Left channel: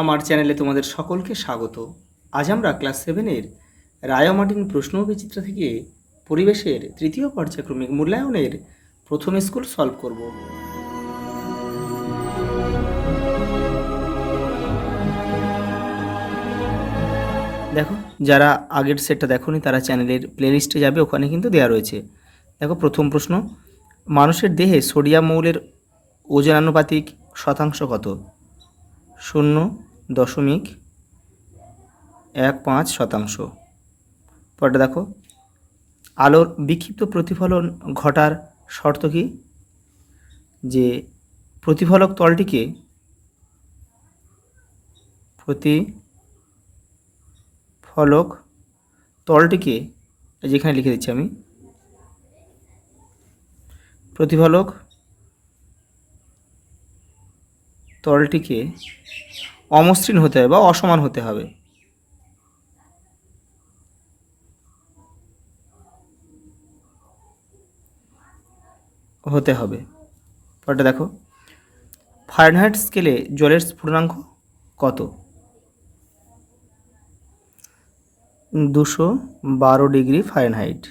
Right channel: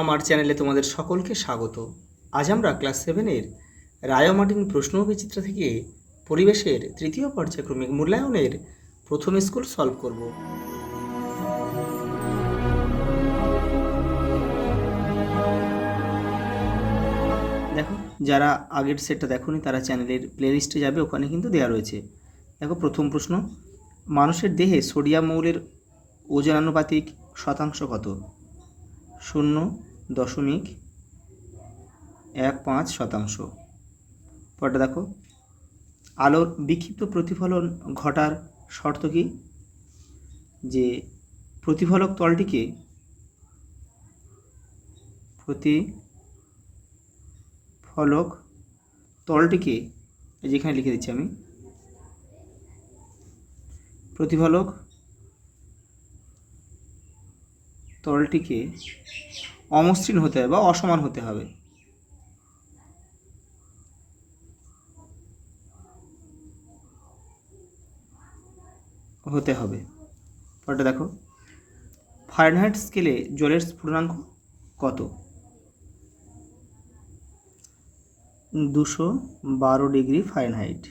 আমার চ্যানেলে তোমাদের সকলকে স্বাগত। আজ আমরা ক্লাস 7-এর রায় মার্টিন প্রশ্ন ও বিচিত্রা থেকে পরিবেশের তৃতীয় পর্যায়ক্রমিক মূল্যায়নের প্রথম স্কুল সলভ করব। দেখো, যারা আগের সেটটা দেখোনি তারা চ্যানেলের প্লেলিস্টে যাবে, ওখানে কিন্তু দেওয়া রয়েছে। দেখো, প্রথম প্রশ্ন, মানুষের দেহে সোডিয়াম মৌলের ওজন আনুপাতিক শতাংশ কত? 0.15%। পরটা দেখো, আলোর বিক্ষিপ্ত প্রতিফলন ঘটার শর্ত কি? যে প্রতিফলক তলটিকে যেখানে লিখে দিচ্ছি আমি, প্রতিফলক তলটিকে অমসৃণ হতে হবে বা অসমান হতে হবে। পরটা দেখো, ফারেনহাইট স্কেলে জলের স্ফুটনাঙ্ক কত? 212 ডিগ্রি ফারেনহাইট।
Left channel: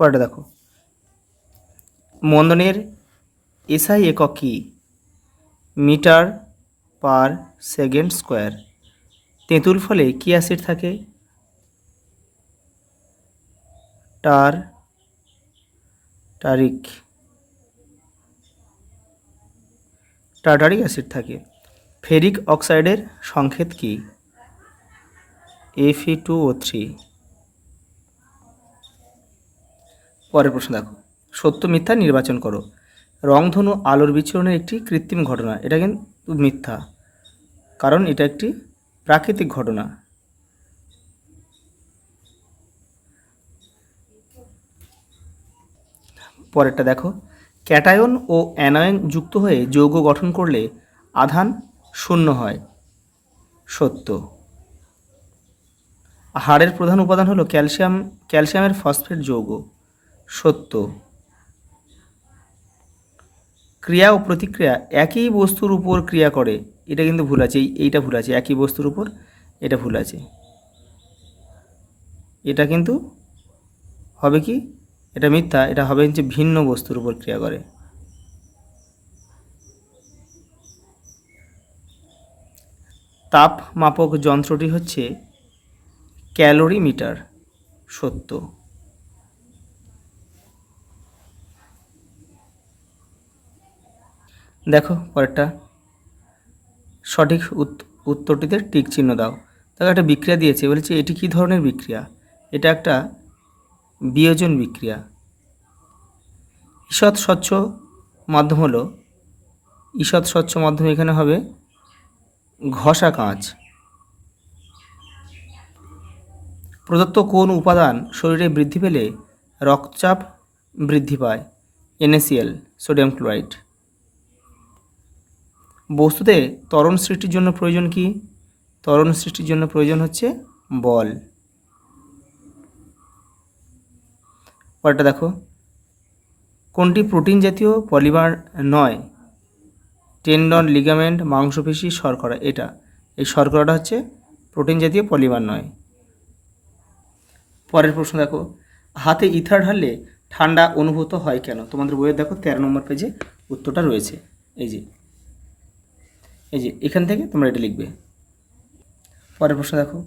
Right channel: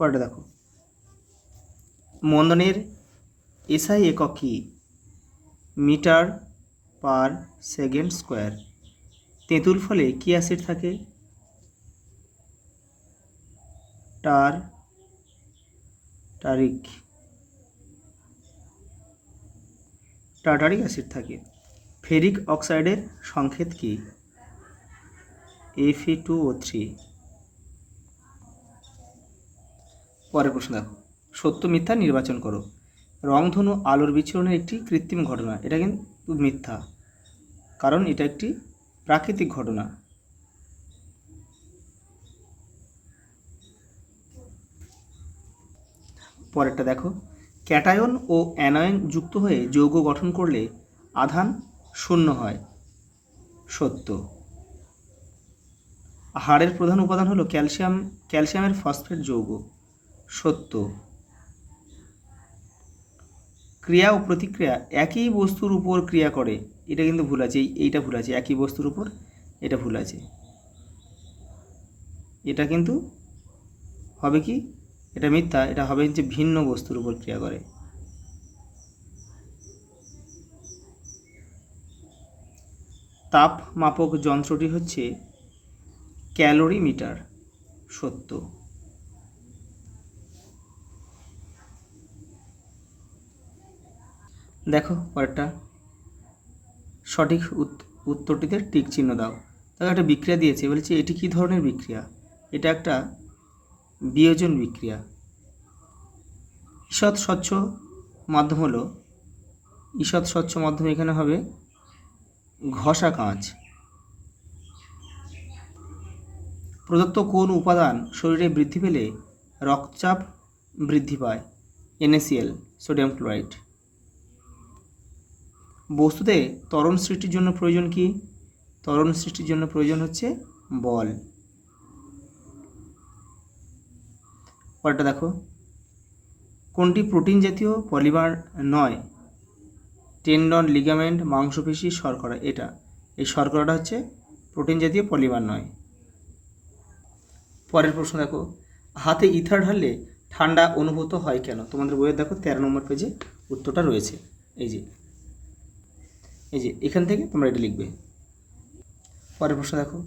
পরটা দেখো, মন্দনের এসআই একক কি? Metre per second square. তেঁতুল ফলে কি অ্যাসিড থাকে? টার্টারিক অ্যাসিড থাকে। ফেরিক অক্সাইডের সংকেত কি? Fe2O3। পরের প্রশ্ন দেখো, সত্য মিথ্যা নির্বাচন করো। রংধনু আলোর বিচরণের একটি কৃত্রিম ঘটনা। এটা কিন্তু মিথ্যা, কারণ এটা একটি প্রাকৃতিক ঘটনা। পরেরটা দেখো, ক্যাটায়ন ও অ্যানায়ন যুক্ত হয়ে যৌগ গঠন করলে আধান শূন্য হয়। সত্য। হাড়ের প্রধান উপাদান হলো ক্যালসিয়ামের ফসফেট যৌগ। সত্য। ক্রিয়া ও প্রতিক্রিয়া একই বস্তুর উপর ক্রিয়া করে। এটা কিন্তু ভুল আছে, এইটা ভুল আছে। একই বস্তুর উপর, এটা ভুল আছে। এটা কিন্তু হবে কি? এটা মিথ্যা। এটা হবে যে ভিন্ন বস্তুর উপর ক্রিয়া করে। তাপ মাপক যন্ত্রটি হচ্ছে ক্যালোরিমিটার। সত্য। দেখো পরেরটা, সঠিক উত্তরটিতে টিক চিহ্ন দাও। দেখো, একটা বিক্রিয়া দিয়েছে, বলেছে এটি কী ধরনের বিক্রিয়া? এটা একটা বিয়োজন বিক্রিয়া। ঈষৎ স্বচ্ছ মাধ্যম এখানে হবে ঘষা কাঁচ। প্রদত্ত কোন উপাদান শরীরে বৃদ্ধি পেলে রক্তচাপ বৃদ্ধি পায়? NaCl, sodium chloride. বস্তুতে ত্বরণ সৃষ্টির জন্য প্রয়োজন কি? ত্বরণ সৃষ্টির জন্য প্রয়োজন হচ্ছে বল। পরেরটা দেখো, কোনটি প্রোটিন জাতীয় পলিমার নয়? টেন্ডন, লিগামেন্ট, মাংসপেশি, শর্করা। এই শর্করাটা হচ্ছে প্রোটিন জাতীয় পলিমার নয়। পরের প্রশ্ন দেখো, হাতে ইথার ঢাললে ঠান্ডা অনুভূত হয় কেন? তোমাদের বইয়ের দেখো 13 নম্বর পেজে উত্তরটা রয়েছে। এই যে এখান থেকে তোমরা এটা লিখবে। পরের প্রশ্ন দেখো,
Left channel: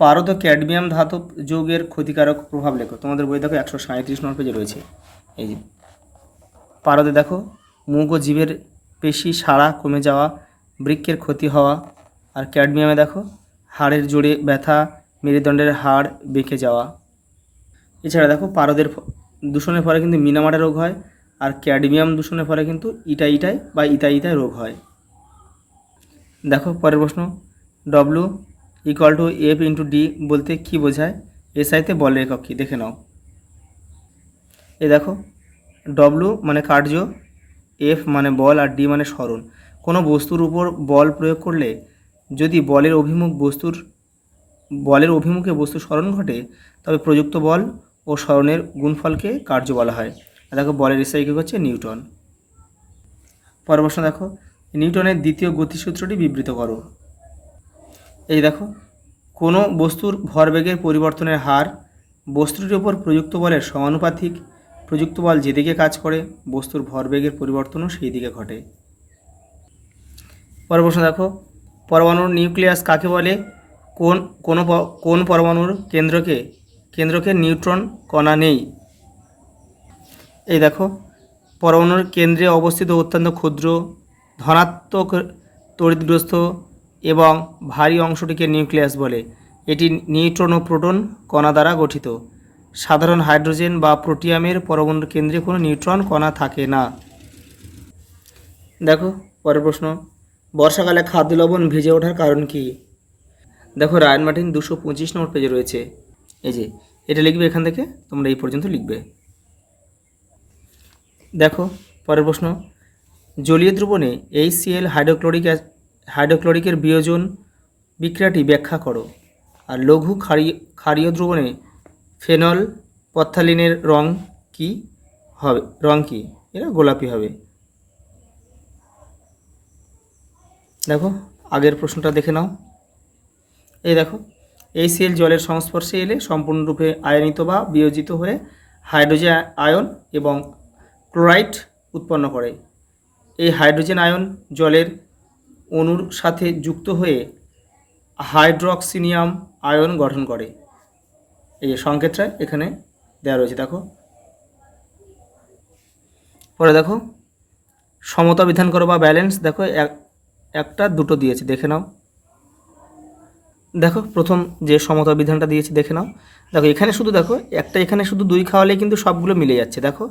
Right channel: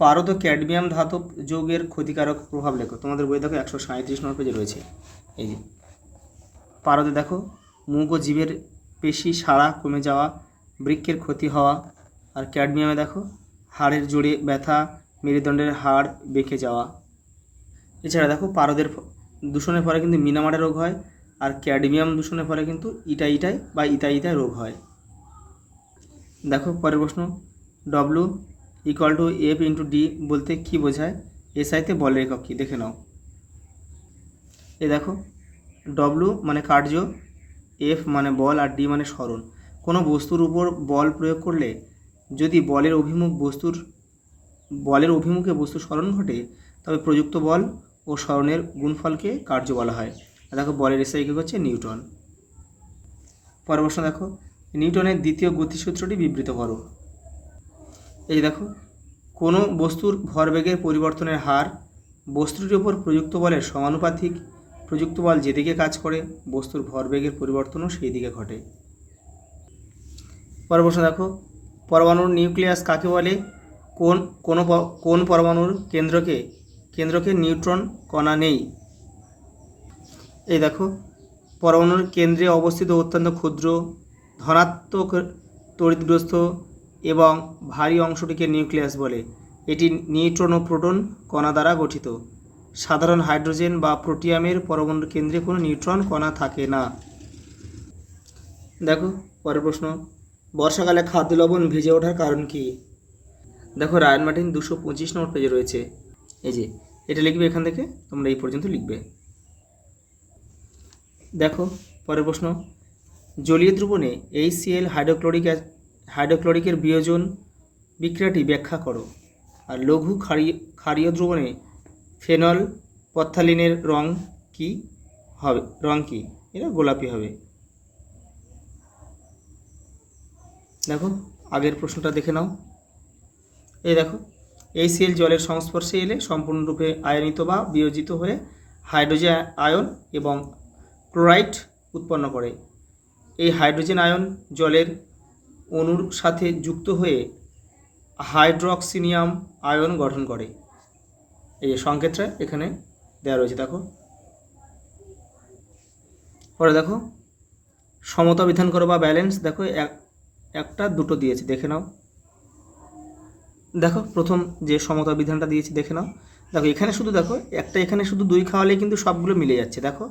পারদ ক্যাডমিয়াম ধাতব যৌগের ক্ষতিকারক প্রভাব লেখো। তোমাদের বইয়ে দেখো 137 নম্বর পেজে রয়েছে। এই যে পারদে দেখো, মুখ ও জীবের পেশি সাড়া কমে যাওয়া, বৃক্কের ক্ষতি হওয়া। আর ক্যাডমিয়ামে দেখো, হাড়ের জোড়ে ব্যথা, মেরুদণ্ডের হাড় বেঁকে যাওয়া। এছাড়া দেখো, পারদের দূষণের ফলে কিন্তু মিনামাটা রোগ হয়, আর ক্যাডমিয়াম দূষণের ফলে কিন্তু ইটাইটায় বা ইতাইতায় রোগ হয়। দেখো পরের প্রশ্ন, W=F×D বলতে কি বোঝায়? এসআইতে বলের একক কি? দেখে নাও। এই দেখো, W মানে কার্য, F মানে বল, আর D মানে সরণ। কোনো বস্তুর উপর বল প্রয়োগ করলে যদি বলের অভিমুখে বস্তুর সরণ ঘটে, তবে প্রযুক্ত বল ও সরণের গুণফলকে কার্য বলা হয়। দেখো, বলের এসআই একক হচ্ছে নিউটন। পরের প্রশ্ন দেখো, নিউটনের দ্বিতীয় গতিসূত্রটি বিবৃত করো। এই দেখো, কোনো বস্তুর ভরবেগের পরিবর্তনের হার বস্তুটির উপর প্রযুক্ত বলের সমানুপাতিক। প্রযুক্ত বল যেদিকে কাজ করে বস্তুর ভরবেগের পরিবর্তনও সেই দিকে ঘটে। পরের প্রশ্ন দেখো, পরমাণুর নিউক্লিয়াস কাকে বলে? কোন পরমাণুর কেন্দ্রকে নিউট্রন কণা নেই? এই দেখো, পরমাণুর কেন্দ্রে অবস্থিত অত্যন্ত ক্ষুদ্র ধনাত্মক তড়িৎগ্রস্ত এবং ভারী অংশটিকে নিউক্লিয়াস বলে। এটি নিউট্রন ও প্রোটন কণা দ্বারা গঠিত। সাধারণ হাইড্রোজেন বা প্রোটিয়ামের পরমাণুর কেন্দ্রে কোনো নিউট্রন কণা থাকে না। দেখো পরের প্রশ্ন, বর্ষাকালে খাদ্য লবণ ভিজে ওঠার কারণ কি? দেখো রায়ান মার্টিন 225 নম্বর পেজে রয়েছে। এই যে এটা লিখবে, এখান থেকে তোমরা এই পর্যন্ত লিখবে। দেখো পরের প্রশ্ন, জলীয় দ্রবণে HCl হাইড্রোক্লোরিকের বিয়োজন বিক্রিয়াটি ব্যাখ্যা করো। আর লঘু ক্ষারীয় দ্রবণে ফেনল পথ্যালিনের রং কি? এটা গোলাপি হবে। দেখো আগের প্রশ্নটা দেখে নাও। এই দেখো, HCl জলের সংস্পর্শে এলে সম্পূর্ণরূপে আয়নিত বা বিয়োজিত হয়ে হাইড্রোজেন আয়ন এবং ক্লোরাইড উৎপন্ন করে। এই হাইড্রোজেন আয়ন জলের অণুর সাথে যুক্ত হয়ে হাইড্রোক্সিনিয়াম আয়ন গঠন করে। এই সংকেতটা এখানে দেওয়া রয়েছে। দেখো পরে দেখো, সমতা বিধান করো বা ব্যালেন্স। দেখো একটা দুটো দিয়েছে, দেখে নাও। দেখো প্রথম যে সমতা বিধানটা দিয়েছে দেখে নাও। দেখো এখানে শুধু দেখো একটা, এখানে শুধু 2 খাওয়ালে কিন্তু সবগুলো মিলে যাচ্ছে। দেখো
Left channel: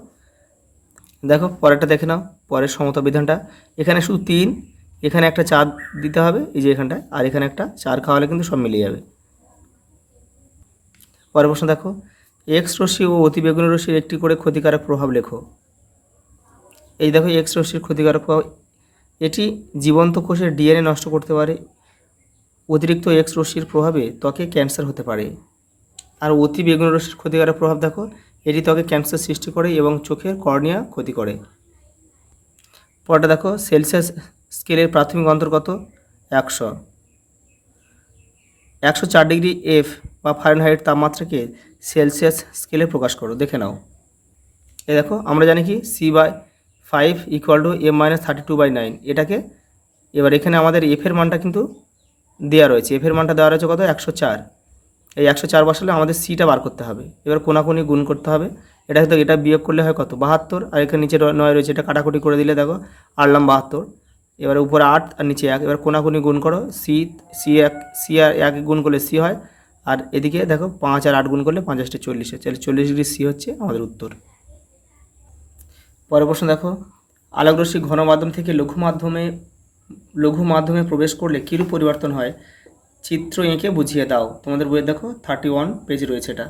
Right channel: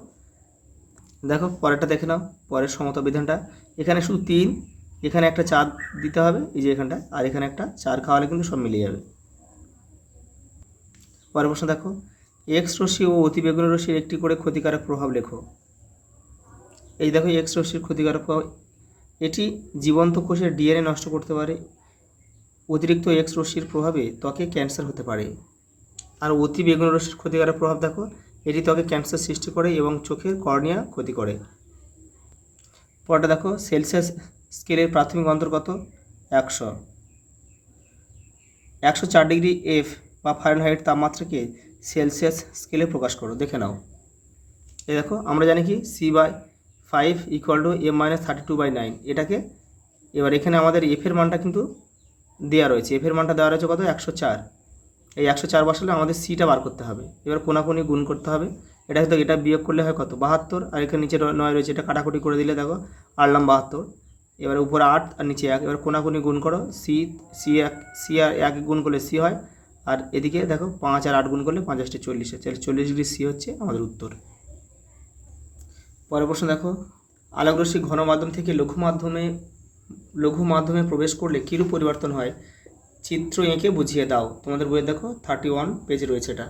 দেখো পরেরটা দেখে নাও, পরের সমতা বিধানটা এখানে শুধু 3, এখানে একটা 4 দিতে হবে এই যে এখানটায়, আর এখানে একটা 4 খাওয়ালে কিন্তু সব মিলে যাবে। পরের প্রশ্ন দেখো, এক্স রশ্মি ও অতিবেগুনি রশ্মির একটি করে ক্ষতিকারক প্রভাব লেখো। এই দেখো এক্স রশ্মির ক্ষতিকারক প্রভাব, এটি জীবন্ত কোষের DNA নষ্ট করতে পারে। অতিরিক্ত এক্স রশ্মির প্রভাবে ত্বকে ক্যান্সার হতে পারে। আর অতি বেগুনি রশ্মির ক্ষতিকারক প্রভাব দেখো, এটি ত্বকে ক্যান্সার সৃষ্টি করে এবং চোখের কর্নিয়া ক্ষতি করে। পরটা দেখো, সেলসিয়াস স্কেলের প্রাথমিক অন্তর কত? 100। 104 ডিগ্রি F বা ফারেনহাইট তাপমাত্রাকে সেলসিয়াস স্কেলে প্রকাশ করো। দেখে নাও। এই দেখো আমরা জানি কি C/5 = M-32/9। এটাকে এবার এখানে আমাদের এফের মানটা কিন্তু দেওয়া রয়েছে। এফের মানটা দেওয়া রয়েছে কত? 104। এই 104 বসালে আমাদের সিটা বার করতে হবে। এবার কোনাকুনি গুণ করতে হবে। এটা বিয়োগ করলে হয় কত? 72। আর এখানে নিচে 9 রয়েছে, এটা কাটাকুটি করে দিলে দেখো 8 72। এবার উপরে 8 আর নিচে 1। এবার কোনাকুনি গুণ করো, সি আর 1 গুণ করলে সি হয়। আর এদিকে দেখো 5 আর 8 গুণ করলে 5 × 40, 40 ডিগ্রি সি হচ্ছে আমাদের উত্তর। পরের প্রশ্ন দেখো, আলোকরশ্মি ঘন মাধ্যম থেকে লঘু মাধ্যমে প্রবেশ করলে কীরূপ পরিবর্তন হয়? চিত্র এঁকে বুঝিয়ে দাও। তোমাদের বইয়ে দেখো 31 পেজে রয়েছে এটা।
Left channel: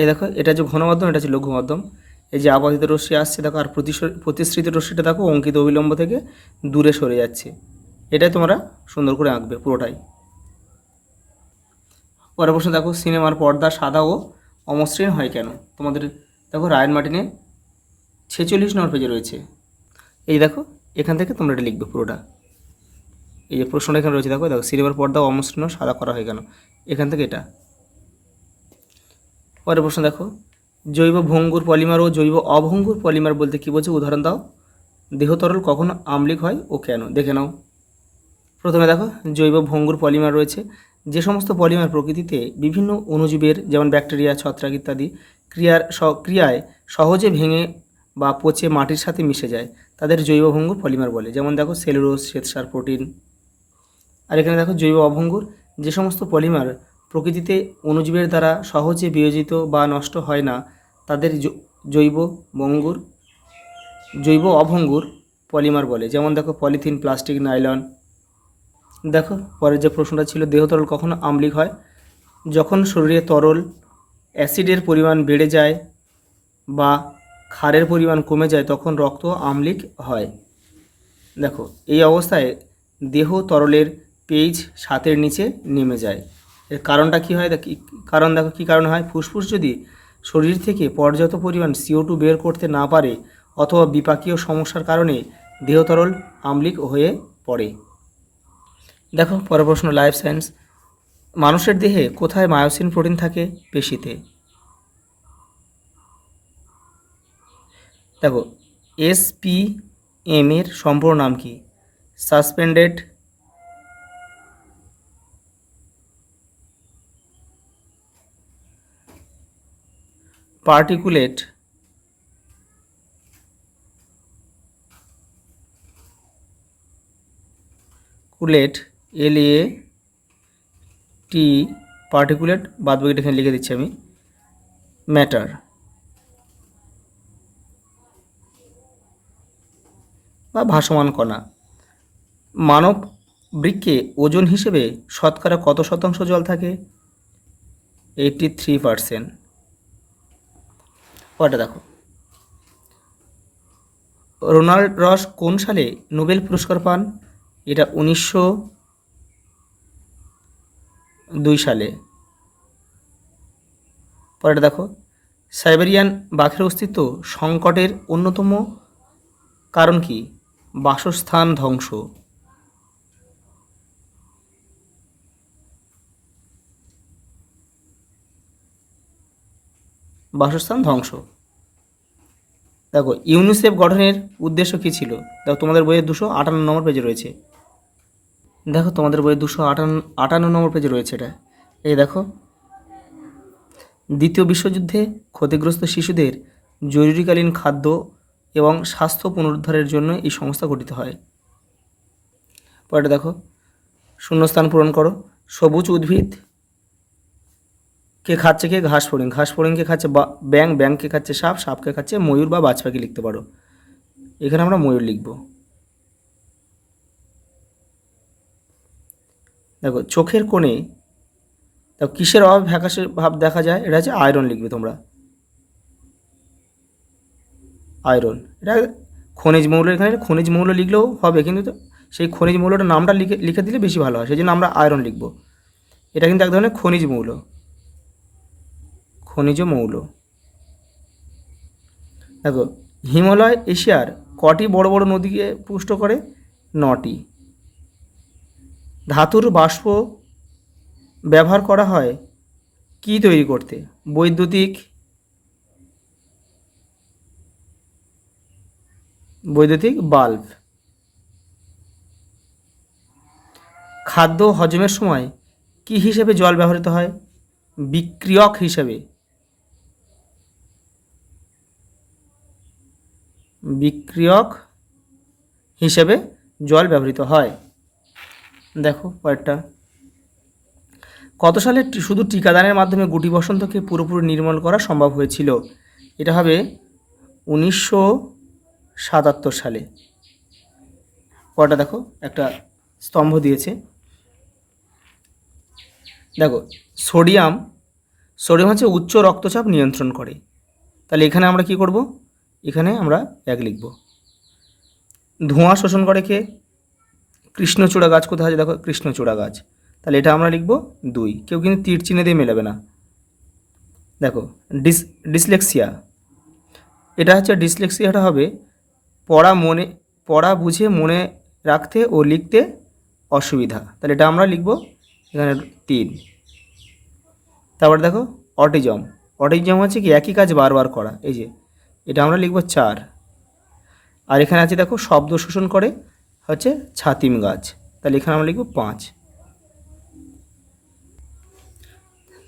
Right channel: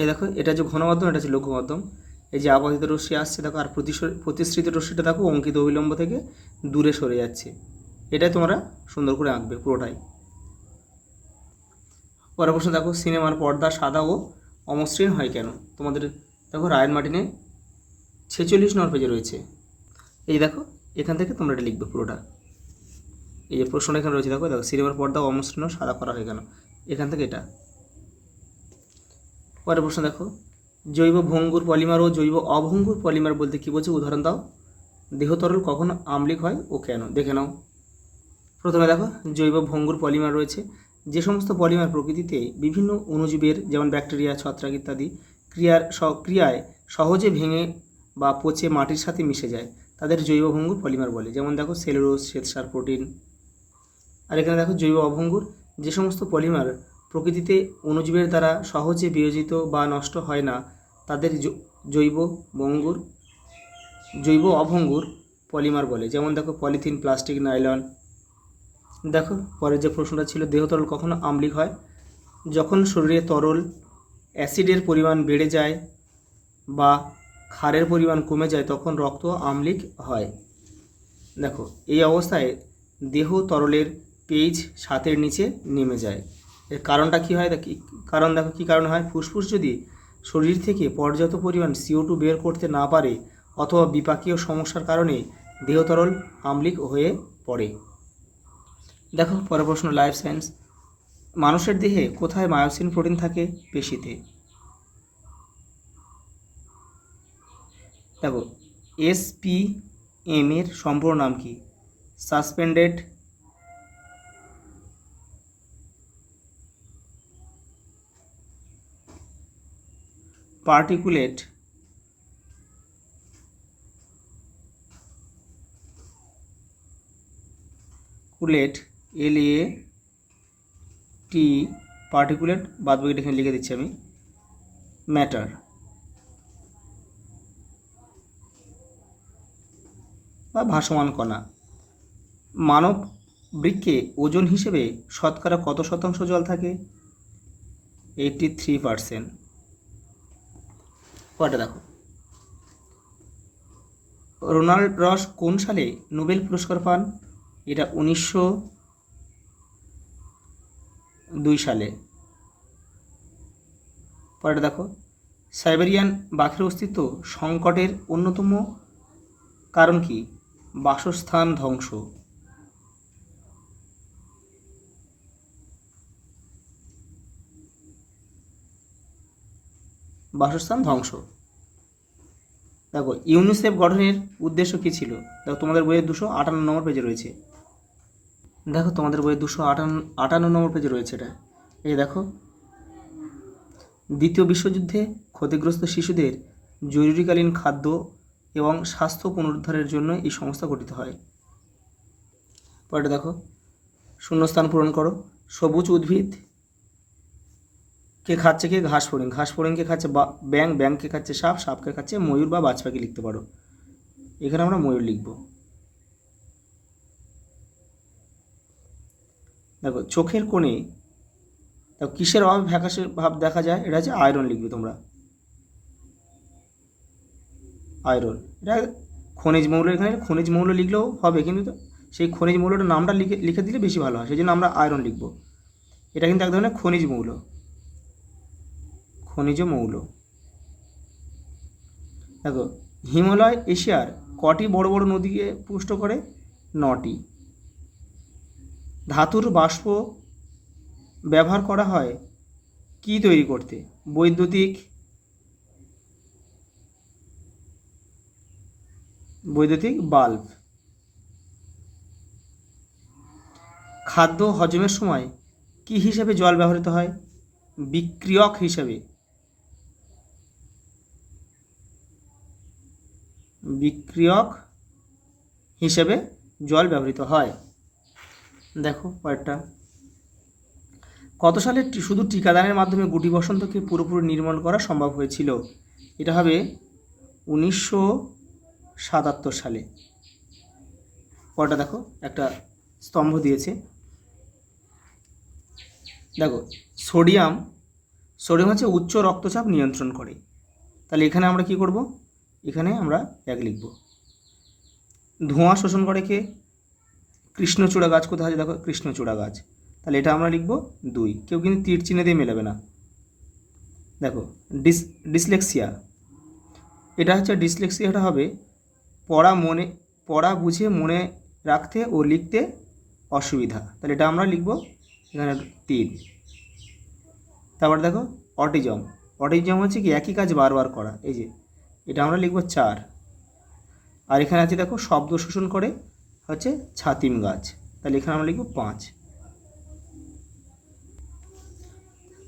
এই দেখো এটা যে ঘন মাধ্যম, এটা হচ্ছে লঘু মাধ্যম। এই যে আপাতিত রশ্মি আসছে দেখো, আর প্রতিসৃত রশ্মিটা দেখো অঙ্কিত অবিলম্ব থেকে দূরে সরে যাচ্ছে। এটাই তোমরা সুন্দর করে আঁকবে পুরোটাই। পরের প্রশ্ন দেখো, সিনেমার পর্দা সাদা ও অমসৃণ হয় কেন? তোমাদের দেখো রায়ান মার্টিনের 46 নম্বর পেজে রয়েছে। এই দেখো এখান থেকে তোমরা এটা লিখবে পুরোটা। এই যে প্রশ্নটা এখানে রয়েছে দেখো, সিনেমার পর্দা অমসৃণ সাদা করা হয় কেন? এখান থেকে এটা। পরের প্রশ্ন দেখো, জৈব ভঙ্গুর পলিমার ও জৈব অভঙ্গুর পলিমার বলতে কী বোঝো? উদাহরণ দাও। দেহ তরল কখন আম্লিক হয় ও কেন? দেখে নাও। প্রথমে দেখো জৈব ভঙ্গুর পলিমার রয়েছে, যে সমস্ত পলিমার প্রকৃতিতে বিভিন্ন অণুজীবের যেমন ব্যাকটেরিয়া, ছত্রাক ইত্যাদি ক্রিয়ায় সহজে ভেঙে বা পচে মাটির সাথে মিশে যায়, তাদের জৈব ভঙ্গুর পলিমার বলে। যেমন দেখো সেলুলোজ, শ্বেতসার, প্রোটিন। আর এখানে দেখো জৈব অভঙ্গুর, যে সমস্ত পলিমার প্রকৃতিতে অণুজীবের দ্বারা সহজে বিয়োজিত বা নষ্ট হয় না, তাদের জৈব অভঙ্গুর পলিমার বলে। যেমন দেখো পলিথিন, প্লাস্টিক, নাইলন। দেখো পরের যে প্রশ্নটা ছিল, দেহ তরল কখন আম্লিক হয়? যখন শরীরে তরল অ্যাসিডের পরিমাণ বেড়ে যায় বা ক্ষারের পরিমাণ কমে যায় তখন রক্ত আম্লিক হয়। দেখো এই অবস্থায় দেহ তরলের pH 7-এর নিচে নেমে যায়। এর কারণটা কী হয়? কারণ দেখো কী কারণ হয়? ফুসফুস যদি শরীর থেকে পর্যাপ্ত পরিমাণ CO2 বের করতে না পারে অথবা বিপাকীয় সমস্যার কারণে দেহ তরল আম্লিক হয়ে পড়ে। দেখো পরের প্রশ্ন, লাইফ সায়েন্স। মানুষের দেহে কোথায় মায়োসিন প্রোটিন থাকে? পেশিতে। দেখো SPM এর সম্পূর্ণ নাম কি? সাসপেন্ডেড পার্টিকুলেট LAT পার্টিকুলেট, বাদ বাকিটা এখানে লিখে দিচ্ছি আমি, ম্যাটার। বা ভাসমান কণা। মানব বৃক্কে ওজন হিসেবে শতকরা কত শতাংশ জল থাকে? 83%। ওটা দেখো, রোনাল্ড রস কোন সালে নোবেল পুরস্কার পান? এটা 1902 সালে। পরেটা দেখো, সাইবেরিয়ান বাঘের অস্তিত্ব সংকটের অন্যতম কারণ কি? বাসস্থান ধ্বংস। বাসস্থান ধ্বংস। দেখো ইউনিসেফ গঠনের উদ্দেশ্য কী ছিল? দেখো তোমাদের বইয়ের 258 নম্বর পেজে রয়েছে। দেখো তোমাদের বইয়ের 258 নম্বর পেজে রয়েছে এটা। এই দেখো, দ্বিতীয় বিশ্বযুদ্ধে ক্ষতিগ্রস্ত শিশুদের জরুরিকালীন খাদ্য এবং স্বাস্থ্য পুনরুদ্ধারের জন্য এই সংস্থা গঠিত হয়। পরে দেখো, শূন্যস্থান পূরণ করো। সবুজ উদ্ভিদ কে খাচ্ছে? কে? ঘাস ফড়িং। ঘাস ফড়িংকে খাচ্ছে ব্যাং। ব্যাংকে খাচ্ছে সাপ। সাপকে খাচ্ছে ময়ূর বা বাজ পাখি লিখতে পারো। এখানে আমরা ময়ূর লিখব। দেখো চোখের কোণে দেখো কিসের অভাব ফ্যাকাশে ভাব দেখা যায়? এটা হচ্ছে আয়রন লিখবে তোমরা। আয়রন, এটা খনিজ মৌল। এখানে খনিজ মৌল লিখলেও হবে, কিন্তু সেই খনিজ মৌলটার নামটা লিখে দিলে বেশি ভালো হয়, সেই জন্য আমরা আয়রন লিখব। এটা কিন্তু এক ধরনের খনিজ মৌল। খনিজ মৌল। দেখো হিমালয় এশিয়ার কটি বড় বড় নদীকে পুষ্ট করে? 9টি। ধাতুর বাষ্প ব্যবহার করা হয় কি তৈরি করতে? বৈদ্যুতিক বাল্ব। খাদ্য হজমের সময় কি হিসেবে জল ব্যবহৃত হয়? বিক্রিয়ক হিসেবে। বিক্রিয়ক হিসেবে জল ব্যবহৃত হয়। দেখো পরেরটা, কত সালে শুধু টিকাদানের মাধ্যমে গুটি বসন্তকে পুরোপুরি নির্মূল করা সম্ভব হয়েছিল? এটা হবে 1977 সালে। পরেরটা দেখো, একটা স্তম্ভ দিয়েছে। দেখো সোডিয়াম হচ্ছে উচ্চ রক্তচাপ নিয়ন্ত্রণ করে। তাহলে এখানে আমরা কি করব? এখানে আমরা 1 লিখব। ধোঁয়া শোষণ করে কে? কৃষ্ণচূড়া গাছ। কোথায় আছে? দেখো কৃষ্ণচূড়া গাছ। তাহলে এটা আমরা লিখব 2। কেউ কিন্তু তীর চিহ্ন দিয়ে মেলাবে না। দেখো ডিসলেক্সিয়া, এটা হচ্ছে ডিসলেক্সিয়াটা হবে পড়া বুঝে মনে রাখতে ও লিখতে অসুবিধা। তাহলে এটা আমরা লিখব এখানে 3। তারপর দেখো অটিজম হচ্ছে কি? একই কাজ বারবার করা। এই যে এটা আমরা লিখব 4। আর এখানে আছে দেখো শব্দ শোষণ করে হচ্ছে ছাতিম গাছ। তাহলে এখানে আমরা লিখব 5।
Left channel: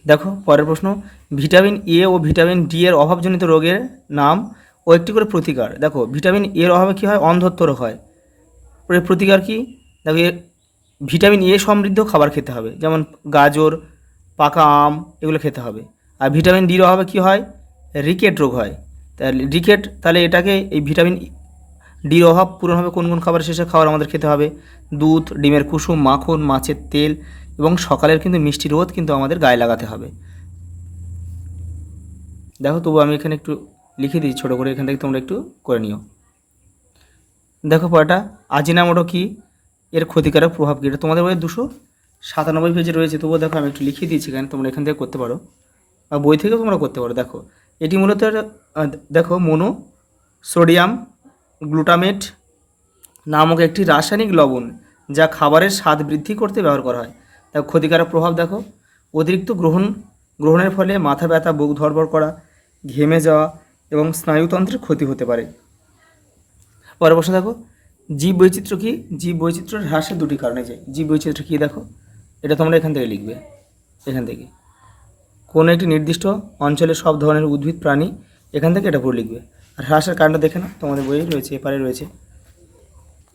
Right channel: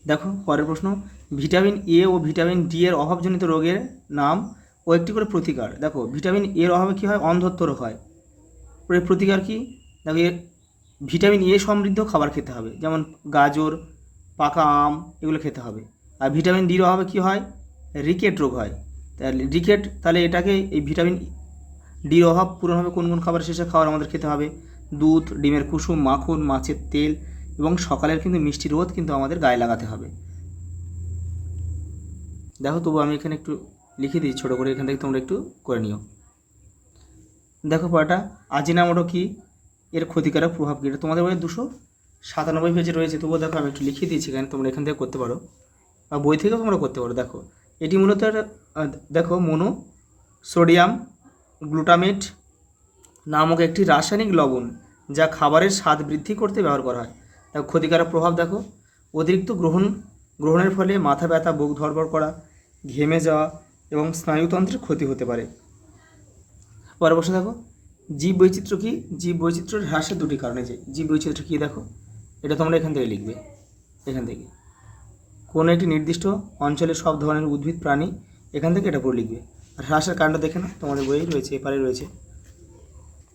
দেখো পরের প্রশ্ন, ভিটামিন এ ও ভিটামিন ডি এর অভাবজনিত রোগের নাম ও একটি করে প্রতিকার। দেখো ভিটামিন এর অভাবে কী হয়? অন্ধত্ব রোগ হয়। প্রতিকার কি? দেখো ভিটামিন এ সমৃদ্ধ খাবার খেতে হবে, যেমন গাজর, পাকা আম, এগুলো খেতে হবে। আর ভিটামিন ডির অভাবে কী হয়? রিকেট রোগ হয়। তাহলে এটাকে এই ভিটামিন ডির অভাব পূরণ হবে কোন কোন খাবার? শেষে খাবার আমাদের খেতে হবে দুধ, ডিমের কুসুম, মাখন, মাছের তেল এবং সকালের কিন্তু মিষ্টি রোদ কিন্তু আমাদের গায়ে লাগাতে হবে। দেখো তবু আমি এখানে একটু লিখে দিই ছোটো করে, এখান থেকে তোমরা একটু করে নিও। দেখো পড়াটা, আজিনামোটো কি? এর ক্ষতিকারক প্রভাব কী? এটা তোমাদের বই 297 পেজে রয়েছে। তবুও দেখো আমি একটু লিখে দিয়েছি এখানে, তোমরা এখান থেকে করতে পারো বা বই থেকেও তোমরা করতে পারো। দেখো এটি মূলত দেখো সোডিয়াম গ্লুটামেট নামক একটি রাসায়নিক লবণ যা খাবারের স্বাদ বৃদ্ধি করতে ব্যবহার করা হয়। দেখো ক্ষতিকারক প্রভাব দেখো, অতিরিক্ত গ্রহণের ফলে মাথা ব্যথা, বুক ধড়ফড় করা, ঘেমে যাওয়া এবং স্নায়ুতন্ত্রের ক্ষতি হতে পারে। পরের প্রশ্ন দেখো, জীব বৈচিত্র্য কী? জীব বৈচিত্র্য হ্রাসের দুটি কারণে। যে জীব বৈচিত্র্য কী দেখো, এটা তোমরা এখান থেকে লিখবে, এখান থেকে কোনো একটি নির্দিষ্ট অঞ্চলে সব ধরনের উদ্ভিদ প্রাণী, এখান থেকে এটা পুরো লিখবে। আর হ্রাসের কারণটা দেখে না, তোমাদের বইয়ে রয়েছে, এপারে রয়েছে।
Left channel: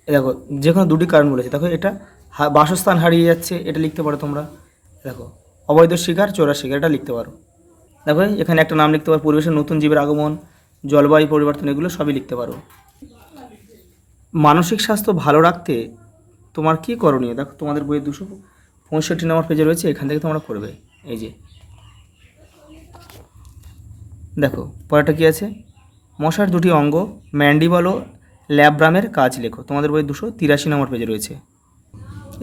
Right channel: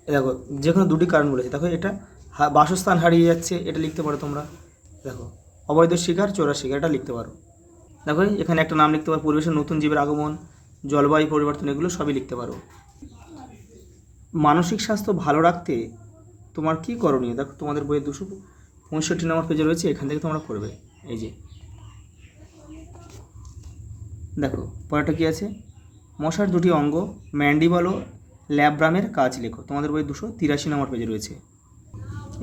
দেখো যে কোনো দুটি কারণ বলেছে। দেখো এটা বাসস্থান হারিয়ে যাচ্ছে, এটা লিখতে পারো তোমরা। দেখো অবৈধ শিকার, চোরা শিকার, এটা লিখতে পারো। দেখো এখানে একটা নাম লিখতে পারো, পরিবেশের নতুন জীবের আগমন, জলবায়ু পরিবর্তন, এগুলো সবই লিখতে পারো। মানসিক স্বাস্থ্য ভালো রাখতে তোমার কী করণীয়? দেখো তোমাদের বইয়ে 265 নম্বর পেজে রয়েছে, এখান থেকে তোমরা করবে। এই যে দেখো পরেরটা কী আছে, মশার দুটি অঙ্গ ম্যান্ডিবল ও ল্যাব্রামের কাজ লেখো। তোমাদের বই 283 নম্বর পেজে রয়েছে।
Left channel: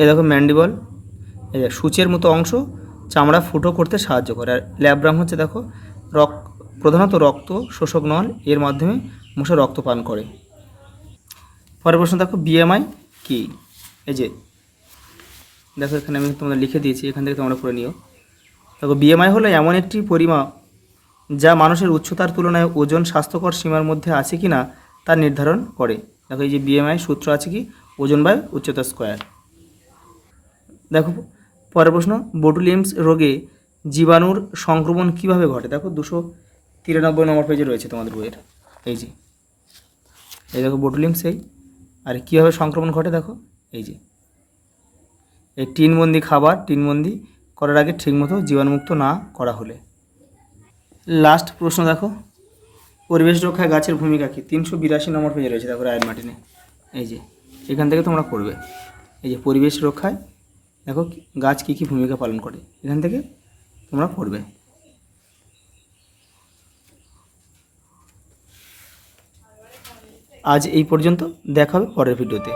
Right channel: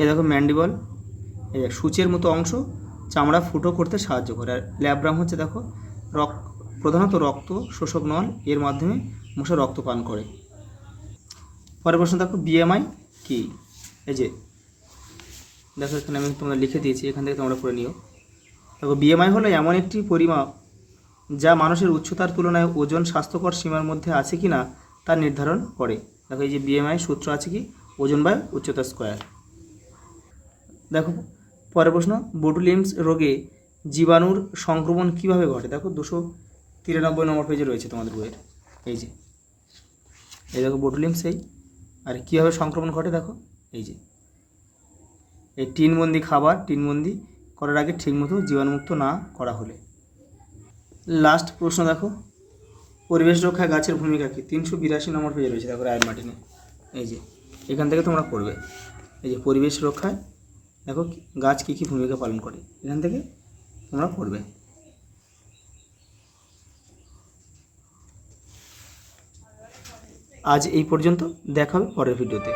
এই দেখো ম্যান্ডিবল, এই সূচের মতো অংশ চামড়া ফুটো করতে সাহায্য করে। আর ল্যাব্রাম হচ্ছে দেখো প্রধানত রক্ত শোষক নল, এর মাধ্যমে মশা রক্ত পান করে। পরের প্রশ্ন দেখো, বিএমআই কী? এই যে দেখো এখানে আমি তোমরা লিখে দিয়েছি, এখান থেকে তোমরা করে নিও। দেখো বিএমআই হলো এমন একটি পরিমাপ যা মানুষের উচ্চতার তুলনায় ওজন স্বাস্থ্যকর সীমার মধ্যে আছে কি না তা নির্ধারণ করে। দেখো এই যে বিএমআই সূত্র আছে কি, ওজন বাই উচ্চতা স্কোয়ার। দেখো পরের প্রশ্ন, বোটুলিয়ামস রোগে জীবাণুর সংক্রমণ কিভাবে ঘটে? দেখো 293 নম্বর পেজে রয়েছে তোমাদের বইয়ের। এই দেখো বোটুলিয়ামস, এই আর কীভাবে সংক্রমণ ঘটে দেখো, এই যে এই টিনবন্দি খাবার টিনবন্দি করার আগে ঠিকমতো জীবাণুমুক্ত না করা হলে। লাস্ট প্রশ্ন দেখো, পরিবেশ রক্ষায় গাছের ভূমিকা কী? 382 নম্বর পেজে রয়েছে। দেখো রায়ের মার্টিনে, এই যে এখান থেকে তোমরা করবে। এই যে পরিবেশ রক্ষায় দেখো গাছ কী কী ভূমিকা পালন করে, এখান থেকে তোমরা পড়বে। আজ এই পর্যন্ত, দেখা হবে পরের ভিডিওতে।